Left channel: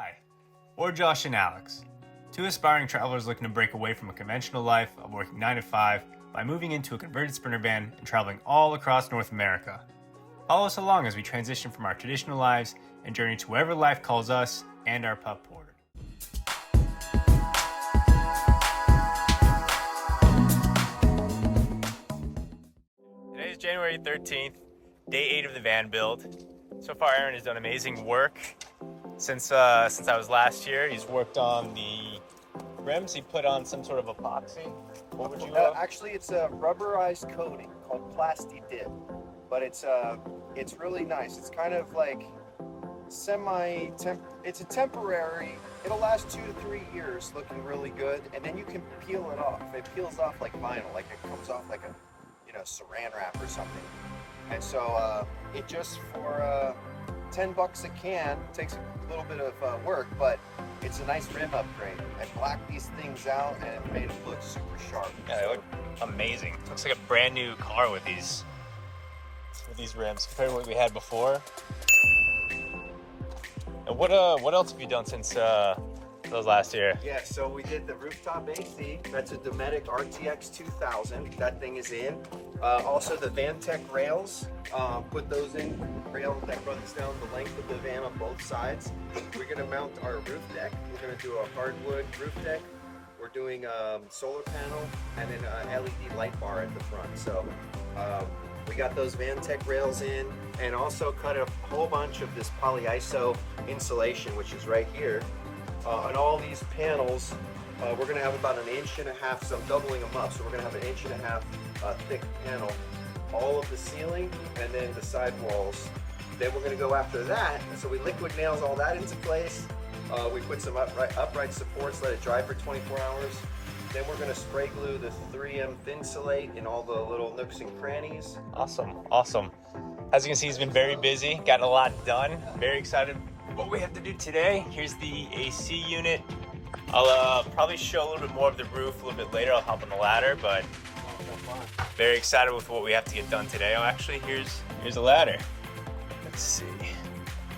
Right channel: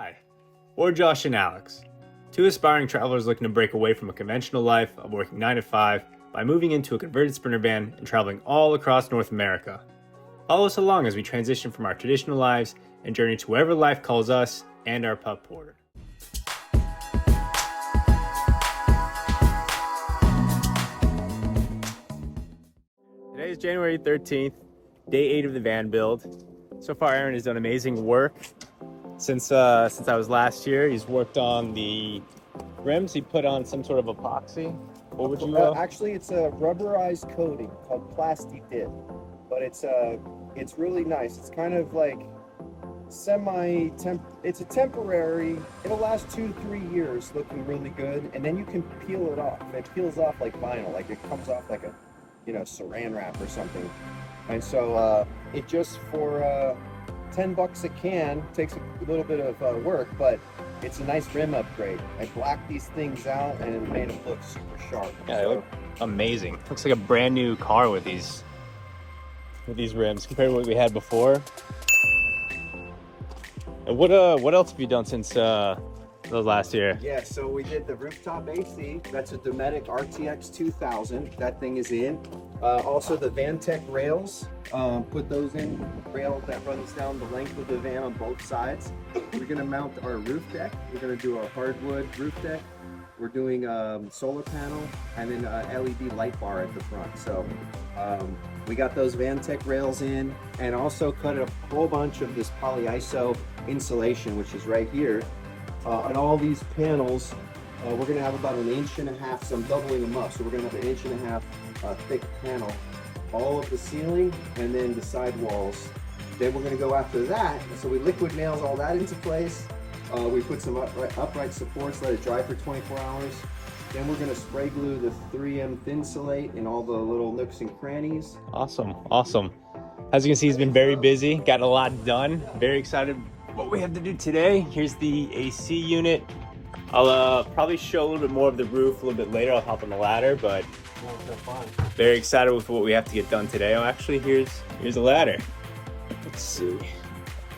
Hi, we're Josh and Alex, two aspiring travelers looking to break away from a conventional life of working 9 to 5 by moving into a converted Sprinter van and traveling all across North America. Follow us along as we transition from our traditional lives and journey to wherever life calls us and our pup Porter. Today is January 13th, day 8 of the van build. So far, Aaron has done amazing work. Since I was last here, he's worked on the rims. He put on some sort of epoxy. What would you Actually, it's a rubberized coating called Plasti-Dip, but it's really nice. It's kind of like it's a temporary. It'll last 2 to 3 years, looking really good, and then you can peel it off. It peels off like vinyl, like it comes off like a saran wrap or something. And so it just for $10 a can, takes a little bit of work, but it's a nice rim upgrade. I blacked these things out and it made them look super sharp. Yeah, they look amazing. Looks like a brand new car with these rims compared to what we had before. And what else have you done since last year? Yeah, so we did the rooftop AC. That's a Dometic RTX 2000. That thing is in. Also the Vantech rails. Put those in. Rail that runs down the length of the van on both sides. We're gonna mount our roof deck. We're gonna do a hardwood roof deck. We're doing solar panel and then a LED light bar at the front. So we got those Vantech rails in, and also cut a whole bunch of this polyiso insulation, which is right here. On all these panels, we're gonna have about 1.5 inches, so I'm doubling them up. So we're gonna have 1.5 inches thick panel, all of the ceiling and then the side walls. Then we're gonna go after that. So we liquid nails all that into place. We put some upright supports, let it dry for 24 hours. Then we're gonna spray glue the 3M Thinsulate in all the little nooks and crannies. Awesome. As you can see, he's been very busy, gotten a lot done. Very excited what we have to do today. Here's the AC unit. I'll probably show a little bit more of the roof a little bit later. I'll hop on the ladder, but very excited with what we have to get done today. Oh, actually, here's the ladder. Let's see.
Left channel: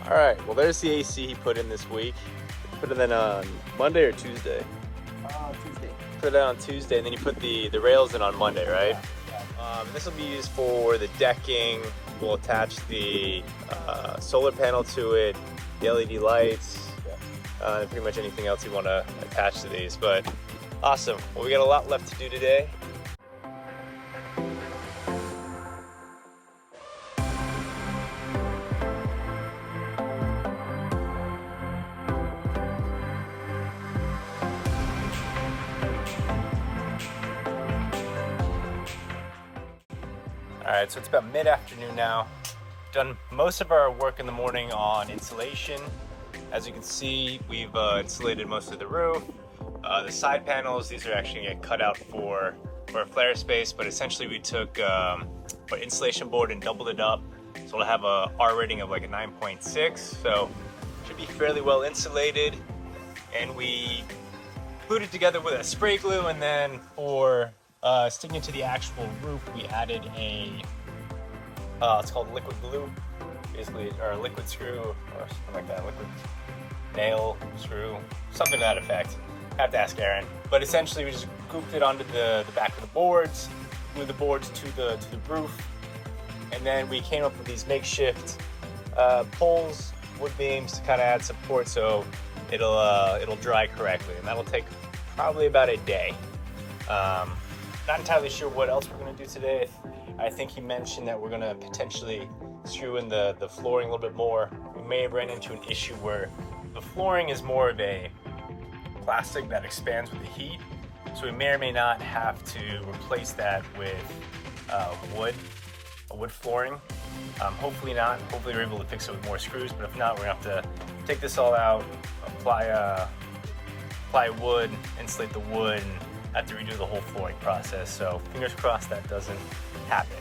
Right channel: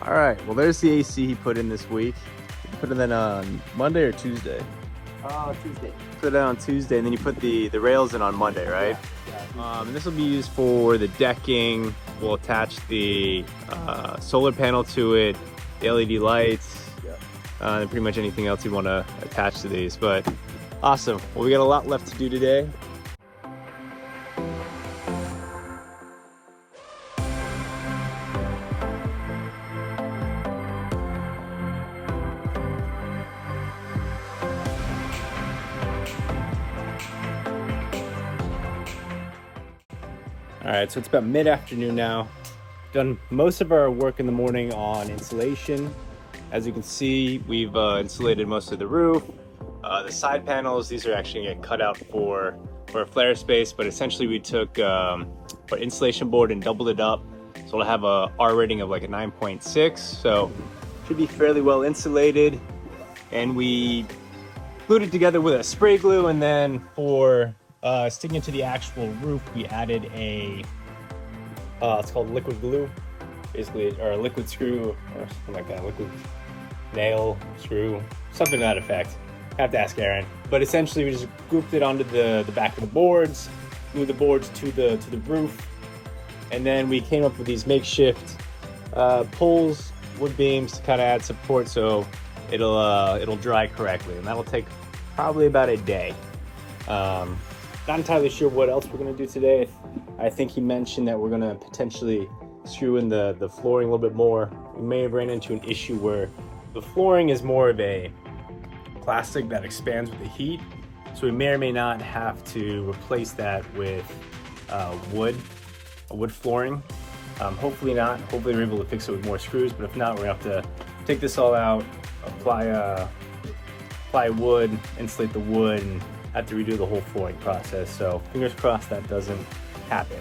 All right, well, there's the AC he put in this week. Put it in Monday or Tuesday? Tuesday. Put it on Tuesday, and then you put the rails in on Monday, right? And this will be used for the decking. We'll attach the solar panel to it, LED lights, and pretty much anything else you want to attach to these. But awesome. Well, we got a lot left to do today. All right, so it's about mid-afternoon now. Done most of our work in the morning on insulation. As you can see, we've insulated most of the roof. The side panels, these are actually gonna get cut out for a flare space, but essentially we took our insulation board and doubled it up. So we'll have a R rating of like a 9.6, so should be fairly well insulated. And we glued it together with a spray glue, and then for sticking to the actual roof, we added a it's called liquid glue, basically, or a liquid screw, or something like that, liquid nail screw, something to that effect. I have to ask Aaron. But essentially, we just grouped it onto the back of the boards, glued the boards to the roof, and then we came up with these makeshift poles, wood beams to kind of add support so it'll dry correctly, and that'll take probably about a day. Not entirely sure what else we're going to do today. I think he mentioned that we're going to potentially screw in the flooring a little bit more. We may have ran into an issue where the flooring is more of a plastic that expands with the heat, so we may or may not have to replace that with wood flooring. Hopefully not. Hopefully we're able to fix it with more screws, but if not, we're going to have to take this all out, apply wood, insulate the wood, and have to redo the whole flooring process. So fingers crossed that doesn't happen.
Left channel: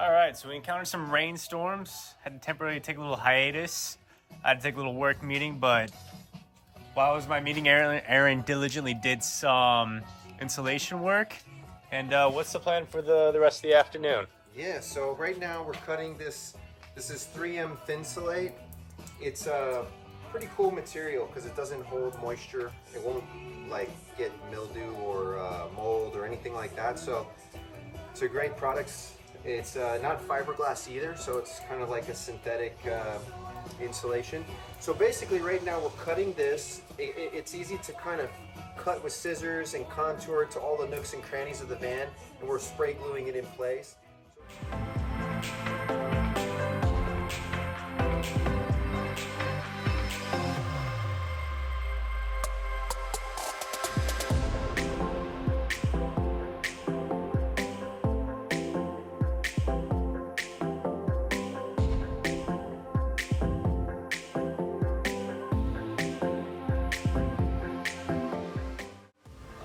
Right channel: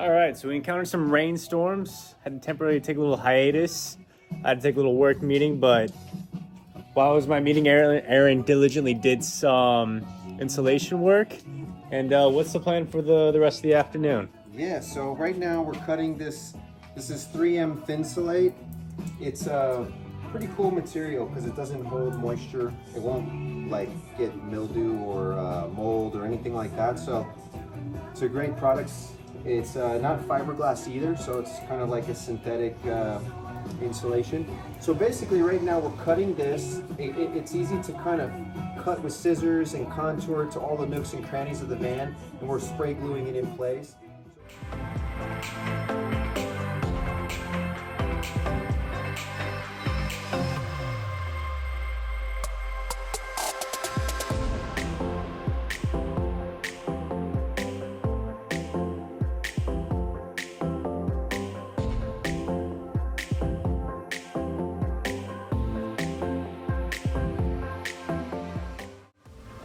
All right, so we encountered some rainstorms. Had to temporarily take a little hiatus. I had to take a little work meeting, but while it was my meeting, Aaron diligently did some insulation work. And what's the plan for the rest of the afternoon? Yeah, so right now we're cutting this. This is 3M Thinsulate. It's a pretty cool material because it doesn't hold moisture. It won't like get mildew or mold or anything like that. So it's a great product. It's not fiberglass either, so it's kind of like a synthetic insulation. So basically right now we're cutting this. It's easy to kind of cut with scissors and contour to all the nooks and crannies of the van, and we're spray gluing it in place.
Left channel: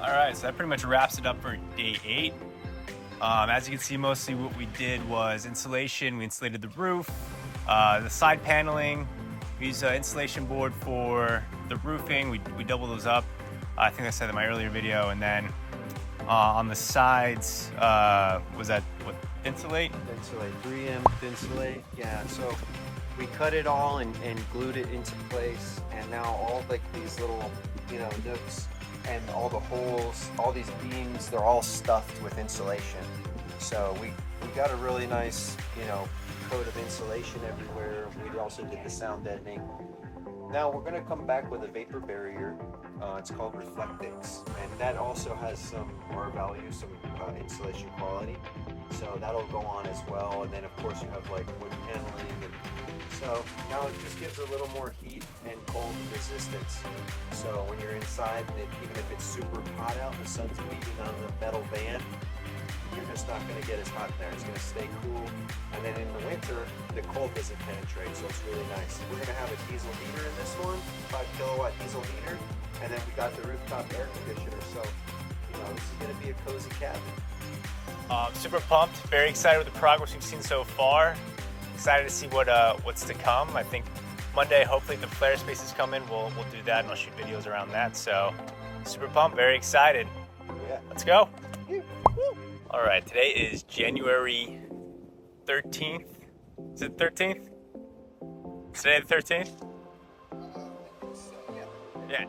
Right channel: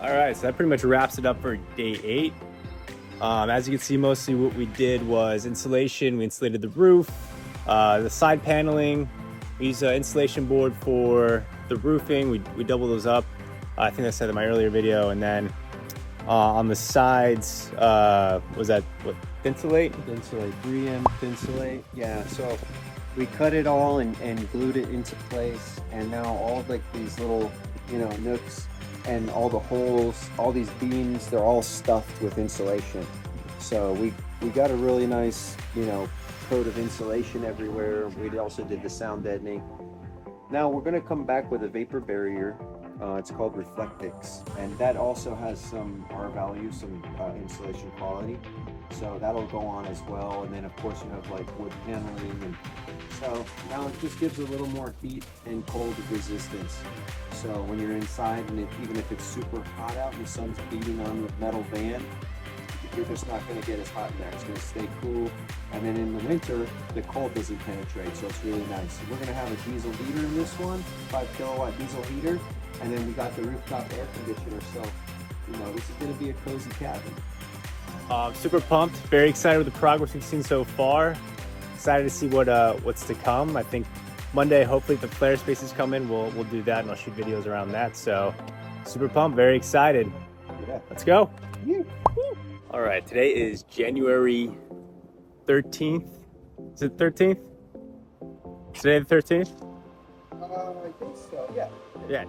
All right, so that pretty much wraps it up for day 8. As you can see, mostly what we did was insulation. We insulated the roof, the side paneling. We used an insulation board for the roofing. We double those up. I think I said in my earlier video. And then on the sides, was that what, Thinsulate? Thinsulate, 3M Thinsulate. Yeah, so we cut it all and glued it into place, and now all like these little, nooks and all the holes, all these beams, they're all stuffed with insulation. So we got a really nice, coat of insulation everywhere. We also did the sound deadening. Now we're gonna come back with a vapor barrier. It's called Reflectix, and that also has some R value, some insulation quality. So that'll go on as well. And then of course you have like wood paneling, and so now it just gives a little more heat and cold resistance. So when you're inside, and even if it's super hot out and the sun's beating on the metal van, you're just not going to get as hot in there. It's going to stay cool. And then in the winter, the cold doesn't penetrate, so it's really nice. We're going to have a diesel heater in this one, 5 kilowatt diesel heater, and then we got the rooftop air conditioner. So, this is going to be a cozy cabin. Super pumped, very excited with the progress we've seen so far. Excited to see what's to come. I think Monday, hopefully, if the flare spaces come in, we'll do that, and I'll shoot videos around that. So, super pumped, very excited. Yeah. Let's go. Yeah. All right, today is January 13th. Is it 13th? Today the 13th? I think so, yeah. Yeah,